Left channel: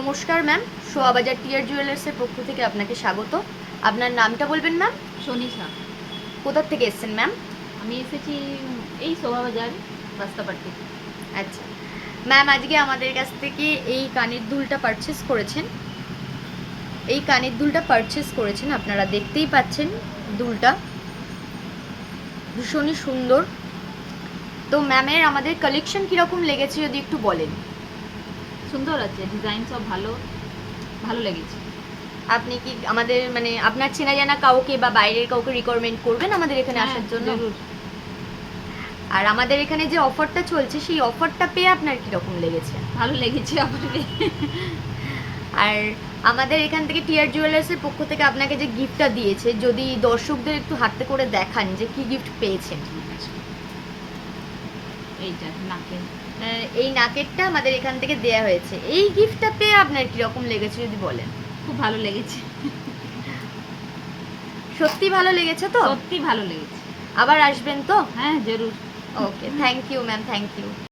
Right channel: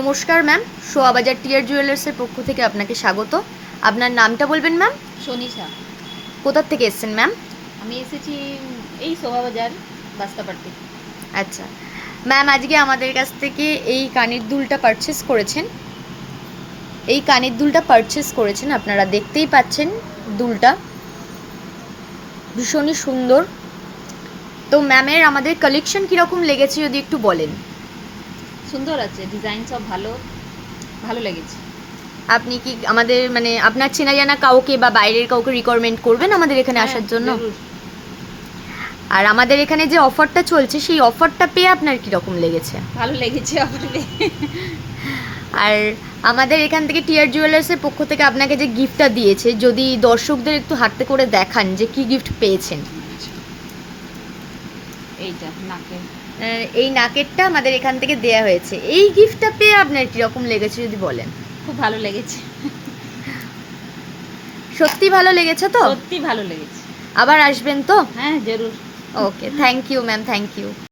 নমস্কার ম্যাম, সোয়াবাজার টিয়ার জুয়েলার্সের পক্ষ থেকে আপনাকে স্বাগত। আপনার নামটা বলবেন ম্যাম? সনিশা। কোথা থেকে এসেছেন ম্যাম? আমি এসেছি এই শোভাবাজার বাস্তাপাড়। আচ্ছা ম্যাম, আজকে আমাদের কাছ থেকে এই কানের দুলটা পারচেস করেছেন। এই কানের দুলটা পারচেস করেছেন, আপনারা দেখতেই পাচ্ছেন দুলটা ভীষণই সুন্দর। তো ম্যামের আমাদের কালেকশন কীরকম লেগেছে যদি একটু বলেন। সুন্দর আছে, ডিজাইন সব ভালো ভালো লেগেছে। আপনি কি আমাদের মানে আপনার চেনা জানা কাউকে বা বাইরের কাউকে রিকমেন্ড করবেন আমাদের এখানে হ্যাঁ, আসার জন্য? জরুর। আর আমাদের এখানে যে অফারটা চলছে সেই অফারটা পেয়ে আপনার কীরকম লেগেছে? ভালো লেগেছে আমাদের। আর আমাদের এখান থেকে টিয়ার জুয়েলার্সের পক্ষ থেকে আপনাকে যে গিফটটা দিয়েছে, যদি দর্শকদের একটু হাতে করে দেখান যে কি গিফট পেয়েছেন। এইটা নাকে। এই নাকেরটা আমাদের এখান থেকে দেয়া হয়েছে। এই গিফটটা পেয়ে আপনার কীরকম লেগেছে যদি বলেন। খুব ভালো লেগেছে। সত্যি ভালো লেগেছে তো? সত্যি ভালো লেগেছে। আবার আসবেন তো? হ্যাঁ, জরুর। Okay, thank you ma'am, thank you.